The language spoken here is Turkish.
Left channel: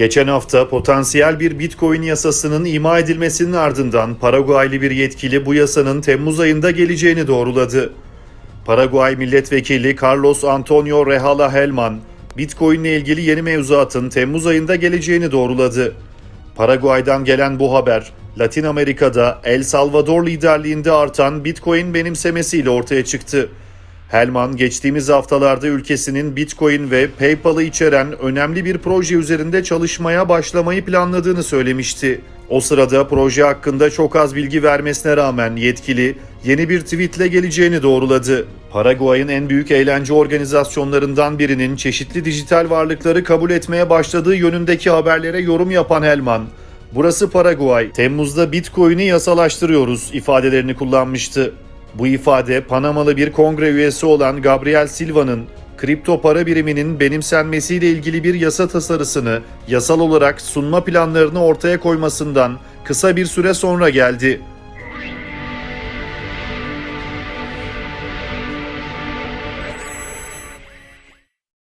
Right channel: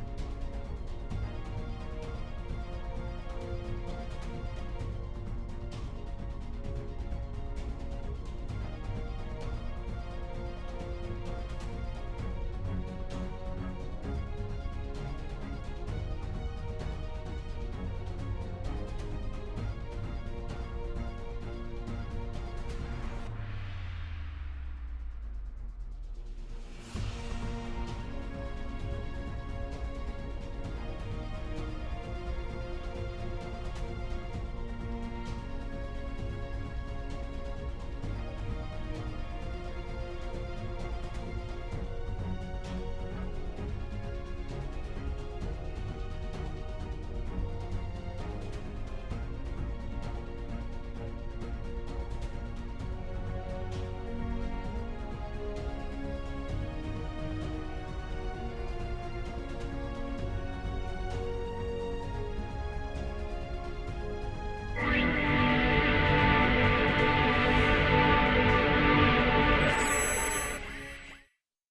Geçen hafta potansiyel bir Bitcoin yasasının ima edilmesinin ardından Paraguaylı bir yetkili bu yasanın Temmuz ayında geleceğini doğruladı. Paraguay Milletvekili Carlos Antonio Rehala Helman, Bitcoin ile ilgili yeni mevzuatın Temmuz ayında geleceğini doğruladı. Paraguay'dan gelen bu haber, Latin Amerika'da El Salvador liderliğinde artan Bitcoin benimsemesiyle ortaya çıktı. Helman geçtiğimiz haftalarda ülkesinin Bitcoin ve PayPal'ı içeren önemli bir proje üzerinde çalışmaya başlamayı planladığını söylemişti. O sırada proje hakkında çok az bilgi vermesine rağmen yetkili yeni bir tweetle geleceğini doğruladı. Paraguay'ın en büyük eğlence organizasyonlarından birinin çeşitli dijital varlıkları kabul etmeye başladığı yönündeki haberlere yorum yapan Helman, "Burası Paraguay. Temmuz'da Bitcoin'i yasalaştırıyoruz." ifadelerini kullanmıştı. Bu ifade Panamalı bir kongre üyesi olan Gabriel Silva'nın kripto para biriminin benimsenmesiyle ilgili bir yasa tasarısını yasal olarak sunma planlarını ortaya koymasından kısa bir süre sonra geldi.